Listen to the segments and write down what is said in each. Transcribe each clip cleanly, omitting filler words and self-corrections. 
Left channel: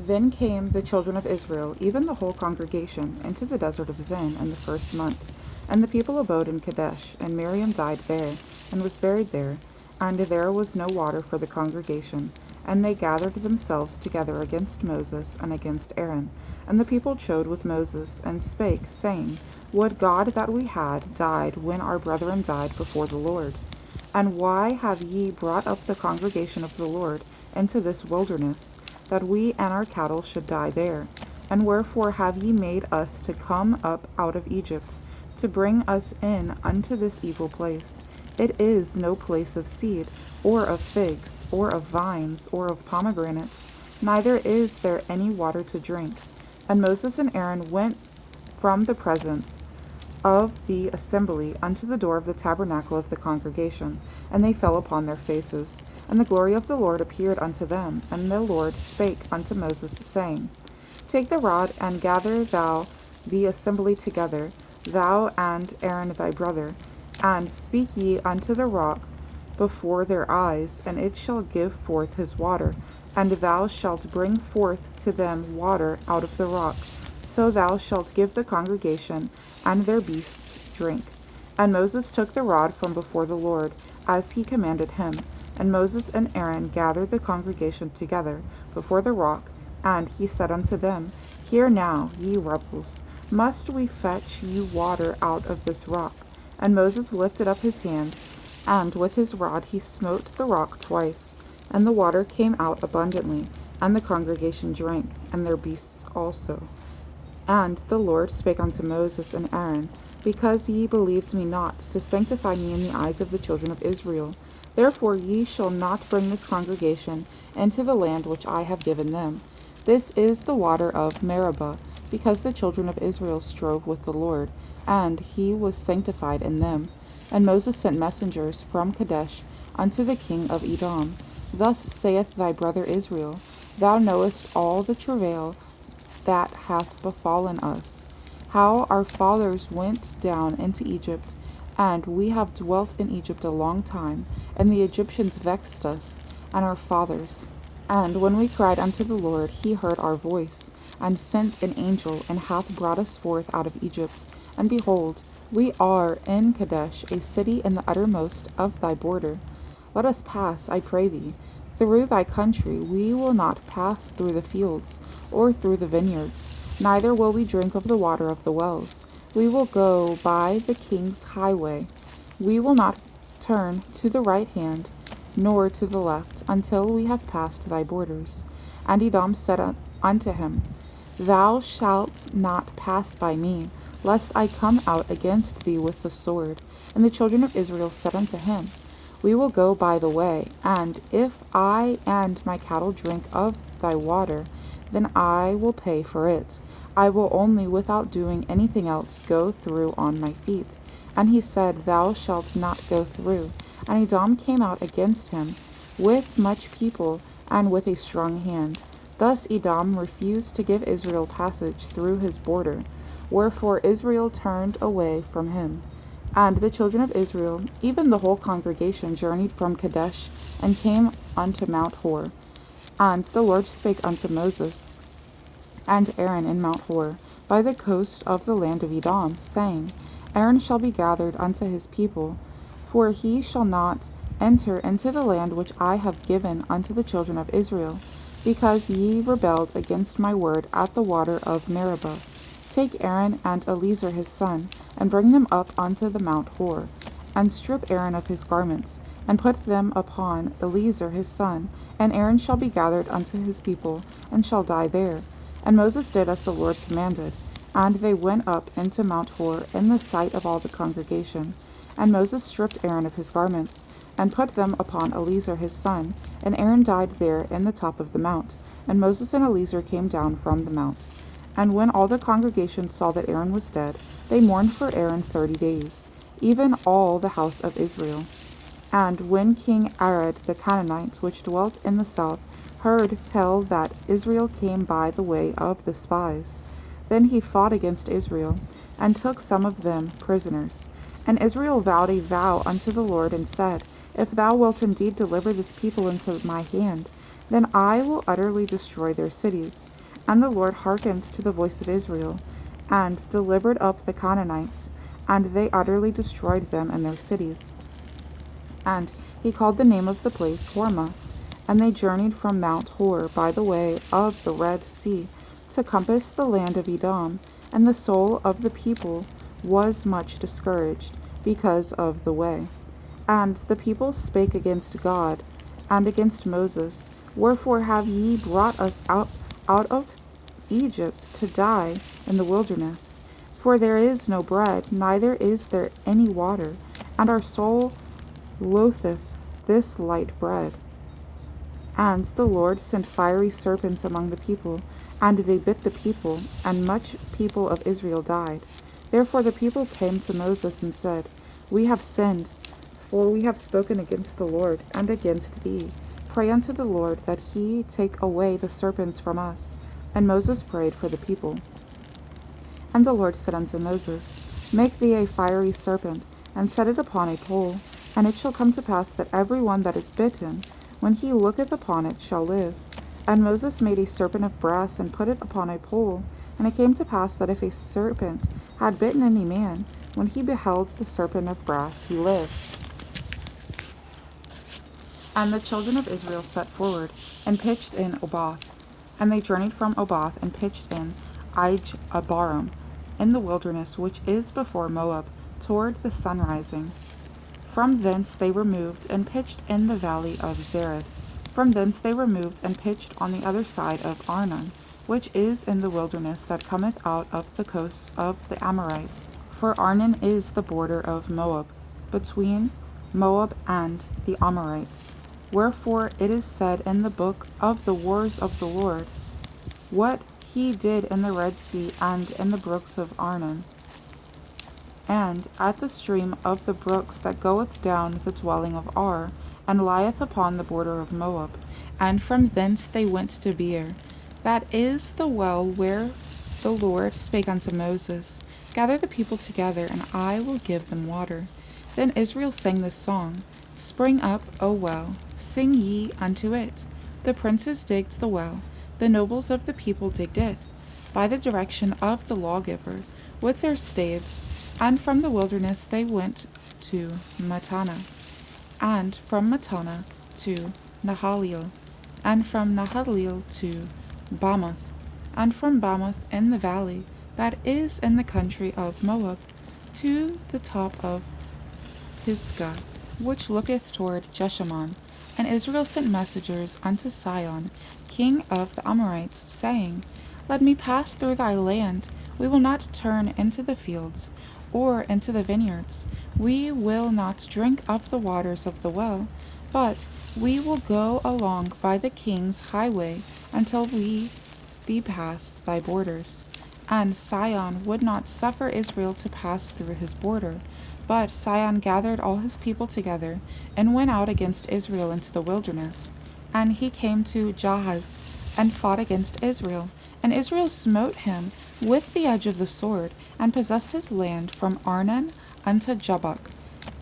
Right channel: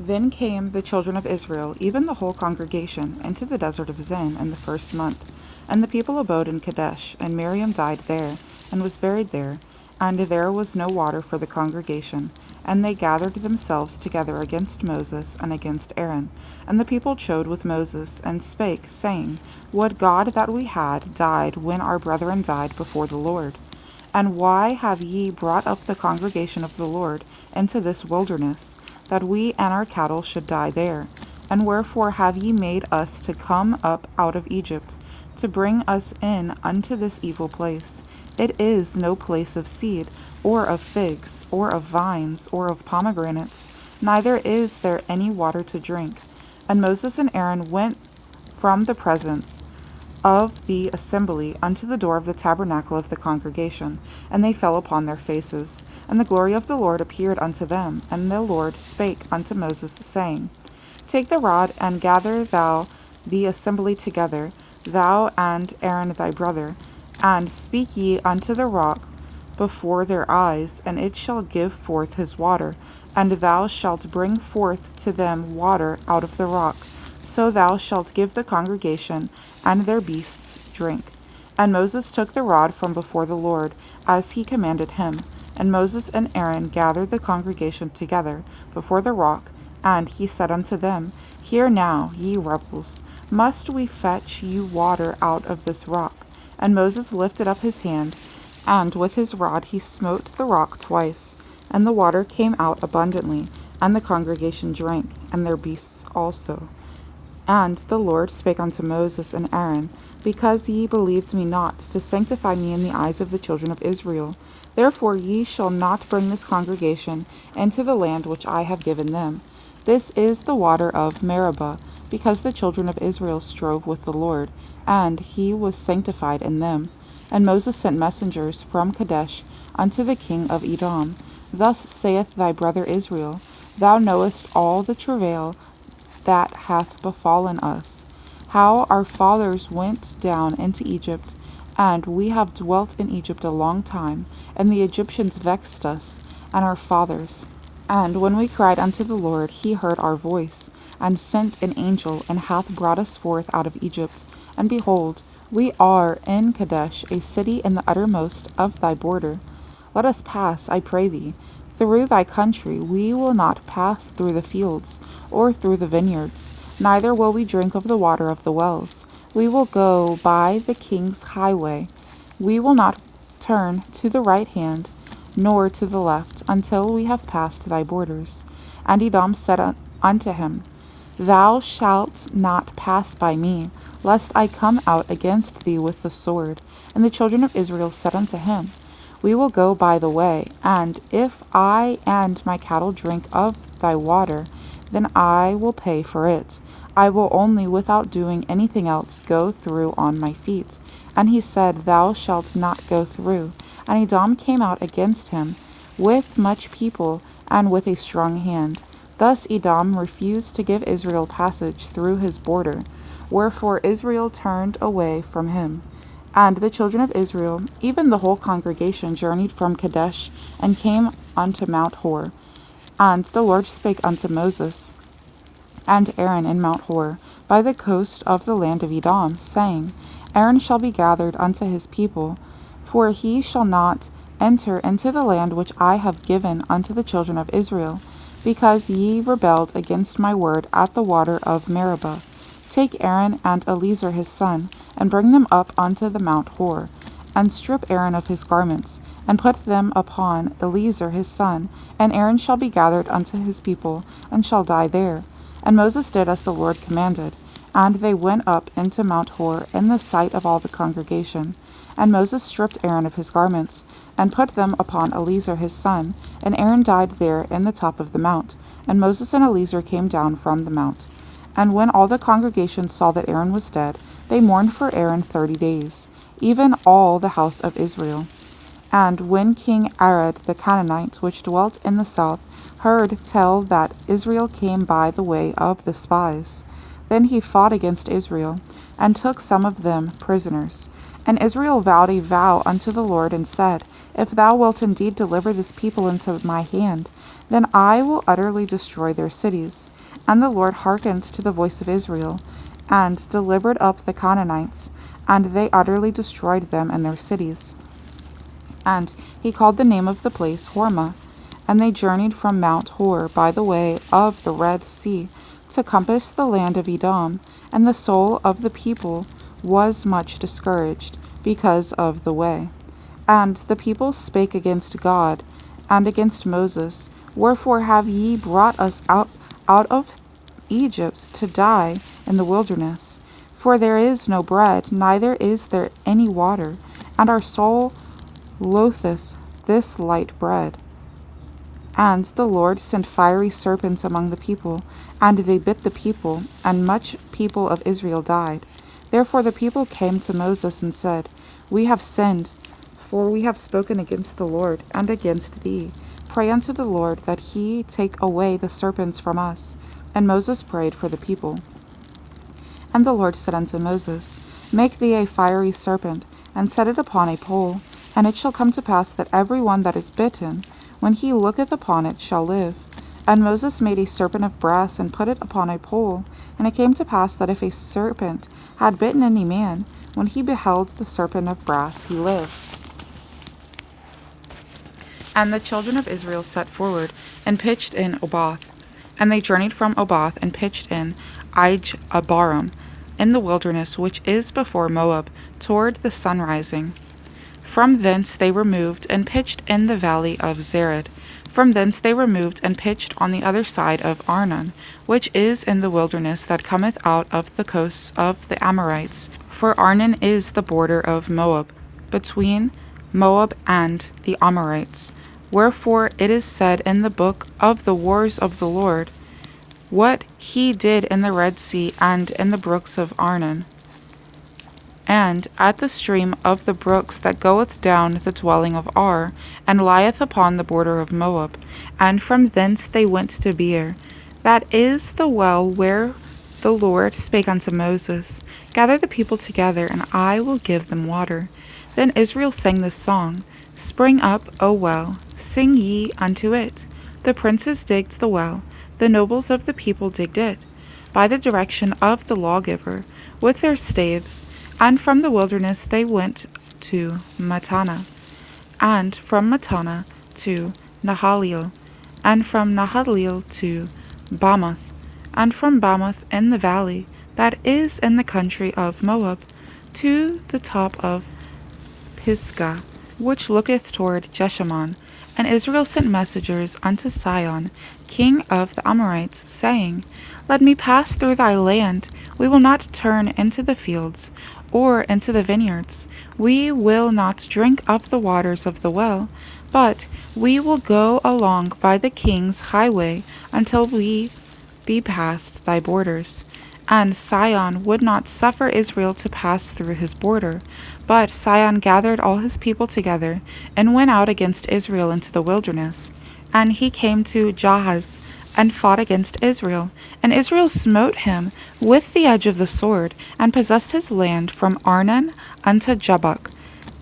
Then came the children of Israel, even the whole congregation, into the desert of Zin in the first month. And the people abode in Kadesh, and Miriam died there, and was buried there. And there was no water for the congregation. And they gathered themselves together against Moses and against Aaron. And the people chode with Moses, and spake, saying, Would God that we had died when our brethren died before the Lord. And why have ye brought up the congregation of the Lord into this wilderness, that we and our cattle should die there? And wherefore have ye made us to come up out of Egypt, to bring us in unto this evil place? It is no place of seed, or of figs, or of vines, or of pomegranates, neither is there any water to drink. And Moses and Aaron went from the presence of the assembly unto the door of the tabernacle of the congregation, and they fell upon their faces. And the glory of the Lord appeared unto them, and the Lord spake unto Moses, saying, Take the rod, and gather thou the assembly together, thou and Aaron thy brother, and speak ye unto the rock before their eyes, and it shall give forth his water, and thou shalt bring forth to them water out of the rock. So thou shalt give the congregation and their beasts drink. And Moses took the rod from before the Lord, as he commanded him. And Moses and Aaron gathered the congregation together before the rock, and he said unto them, Hear now, ye rebels, must we fetch you water out of this rock? And Moses lifted up his hand, and with his rod he smote the rock twice, and the water came out abundantly, and the congregation drank, and their beasts also. And the Lord spake unto Moses and Aaron, Because ye believed me not, to sanctify me in the eyes of the children of Israel, therefore ye shall not bring this congregation into the land which I have given them. This is the water of Meribah, because the children of Israel strove with the Lord, and he was sanctified in them. And Moses sent messengers from Kadesh unto the king of Edom. Thus saith thy brother Israel, Thou knowest all the travail that hath befallen us, how our fathers went down into Egypt, and we have dwelt in Egypt a long time, and the Egyptians vexed us and our fathers. And when we cried unto the Lord, he heard our voice, and sent an angel, and hath brought us forth out of Egypt. And behold, we are in Kadesh, a city in the uttermost of thy border. Let us pass, I pray thee, through thy country. We will not pass through the fields, or through the vineyards, neither will we drink of the water of the wells. We will go by the king's highway. We will not turn to the right hand, nor to the left, until we have passed thy borders. And Edom said unto him, Thou shalt not pass by me, lest I come out against thee with the sword. And the children of Israel said unto him, We will go by the way, and if I and my cattle drink of thy water, then I will pay for it. I will only, without doing anything else, go through on my feet. And he said, Thou shalt not go through. And Edom came out against him with much people and with a strong hand. Thus Edom refused to give Israel passage through his border, wherefore Israel turned away from him. And the children of Israel, even the whole congregation, journeyed from Kadesh, and came unto Mount Hor. And the Lord spake unto Moses and Aaron in Mount Hor, by the coast of the land of Edom, saying, Aaron shall be gathered unto his people, for he shall not enter into the land which I have given unto the children of Israel, because ye rebelled against my word at the water of Meribah. Take Aaron and Eleazar his son, and bring them up unto the Mount Hor, and strip Aaron of his garments, and put them upon Eleazar his son, and Aaron shall be gathered unto his people, and shall die there. And Moses did as the Lord commanded, and they went up into Mount Hor in the sight of all the congregation. And Moses stripped Aaron of his garments, and put them upon Eleazar his son, and Aaron died there in the top of the mount. And Moses and Eleazar came down from the mount. And when all the congregation saw that Aaron was dead, they mourned for Aaron 30 days, even all the house of Israel. And when King Arad the Canaanite, which dwelt in the south, heard tell that Israel came by the way of the spies, then he fought against Israel, and took some of them prisoners. And Israel vowed a vow unto the Lord, and said, If thou wilt indeed deliver this people into my hand, then I will utterly destroy their cities. And the Lord hearkened to the voice of Israel, and delivered up the Canaanites, and they utterly destroyed them and their cities. And he called the name of the place Hormah. And they journeyed from Mount Hor by the way of the Red Sea to compass the land of Edom, and the soul of the people was much discouraged because of the way. And the people spake against God and against Moses, Wherefore have ye brought us out of Egypt to die in the wilderness? For there is no bread, neither is there any water, and our soul loatheth this light bread. And the Lord sent fiery serpents among the people, and they bit the people, and much people of Israel died. Therefore the people came to Moses and said, We have sinned, for we have spoken against the Lord and against thee. Pray unto the Lord that he take away the serpents from us. And Moses prayed for the people. And the Lord said unto Moses, Make thee a fiery serpent, and set it upon a pole, and it shall come to pass that every one that is bitten, when he looketh upon it, shall live. And Moses made a serpent of brass, and put it upon a pole. And it came to pass that if a serpent had bitten any man, when he beheld the serpent of brass, he lived. And the children of Israel set forward, and pitched in Oboth. And they journeyed from Oboth, and pitched in Abarim, in the wilderness which is before Moab, toward the sunrising. From thence they removed, and pitched in the valley of Zered. From thence they removed, and pitched on the other side of Arnon, which is in the wilderness that cometh out of the coasts of the Amorites. For Arnon is the border of Moab, between Moab and the Amorites. Wherefore it is said in the book of the wars of the Lord, what he did in the Red Sea and in the brooks of Arnon, and at the stream of the brooks that goeth down the dwelling of Ar, and lieth upon the border of Moab. And from thence they went to Beer, that is the well where the Lord spake unto Moses, Gather the people together, and I will give them water. Then Israel sang this song, Spring up, O well, sing ye unto it. The princes digged the well, the nobles of the people digged it, by the direction of the lawgiver, with their staves. And from the wilderness they went to Mattanah, and from Mattanah to Nahaliel, and from Nahaliel to Bamoth, and from Bamoth in the valley that is in the country of Moab, to the top of Pisgah, which looketh toward Jeshimon. And Israel sent messengers unto Sihon, king of the Amorites, saying, Let me pass through thy land. We will not turn into the fields, or into the vineyards. We will not drink of the waters of the well, but we will go along by the king's highway until we be past thy borders. And Sihon would not suffer Israel to pass through his border. But Sihon gathered all his people together, and went out against Israel into the wilderness. And he came to Jahaz, and fought against Israel. And Israel smote him with the edge of the sword, and possessed his land from Arnon unto Jabbok,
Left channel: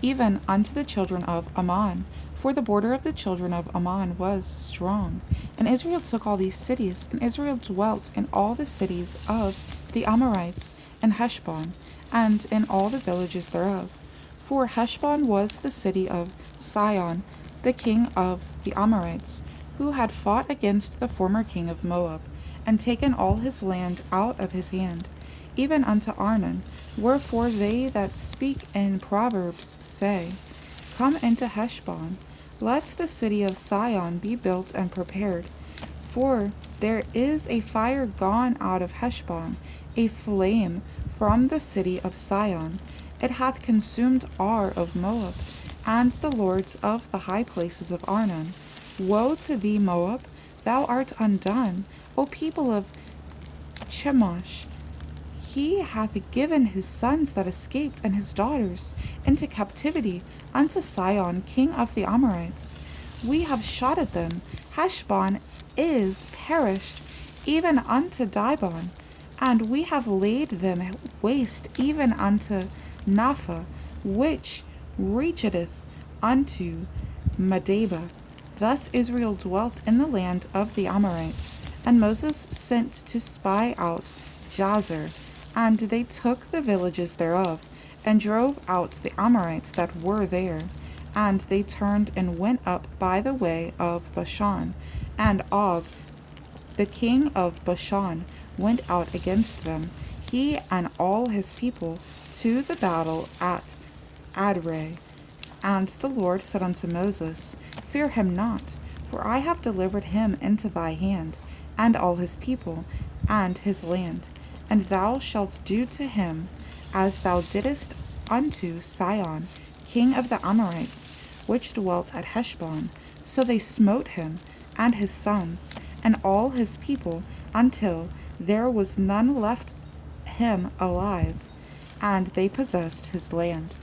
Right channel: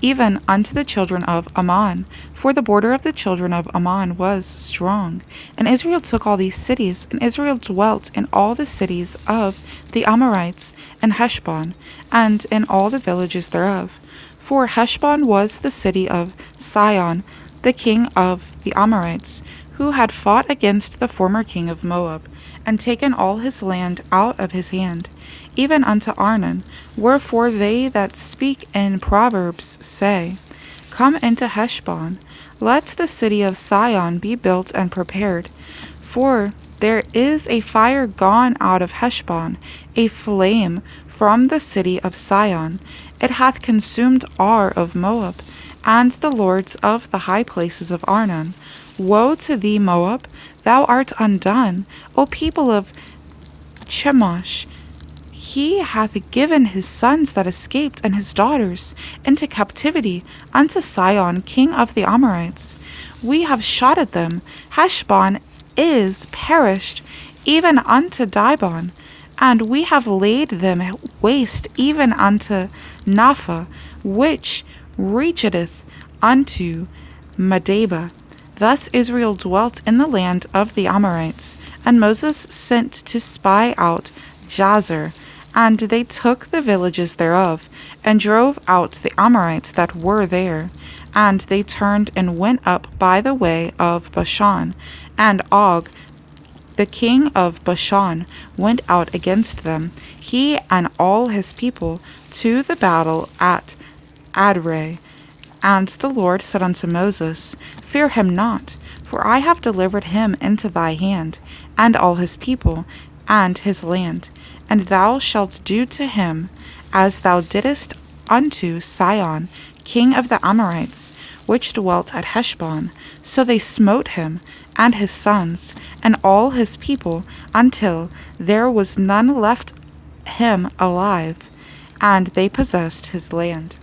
even unto the children of Ammon, for the border of the children of Ammon was strong. And Israel took all these cities, and Israel dwelt in all the cities of the Amorites, and Heshbon, and in all the villages thereof. For Heshbon was the city of Sihon, the king of the Amorites, who had fought against the former king of Moab, and taken all his land out of his hand, even unto Arnon. Wherefore they that speak in Proverbs say, Come into Heshbon, let the city of Sihon be built and prepared. For there is a fire gone out of Heshbon, a flame from the city of Sihon. It hath consumed Ar of Moab, and the lords of the high places of Arnon. Woe to thee, Moab! Thou art undone, O people of Chemosh! He hath given his sons that escaped, and his daughters, into captivity unto Sihon, king of the Amorites. We have shot at them. Heshbon is perished, even unto Dibon, and we have laid them waste even unto Napha, which reacheth unto Medeba. Thus Israel dwelt in the land of the Amorites, and Moses sent to spy out Jazer, and they took the villages thereof, and drove out the Amorites that were there. And they turned and went up by the way of Bashan, and Og, the king of Bashan, went out against them, he and all his people, to the battle at Adrei. And the Lord said unto Moses, Fear him not, for I have delivered him into thy hand, and all his people, and his land. And thou shalt do to him as thou didst unto Sihon, king of the Amorites, which dwelt at Heshbon. So they smote him, and his sons, and all his people, until there was none left him alive, and they possessed his land.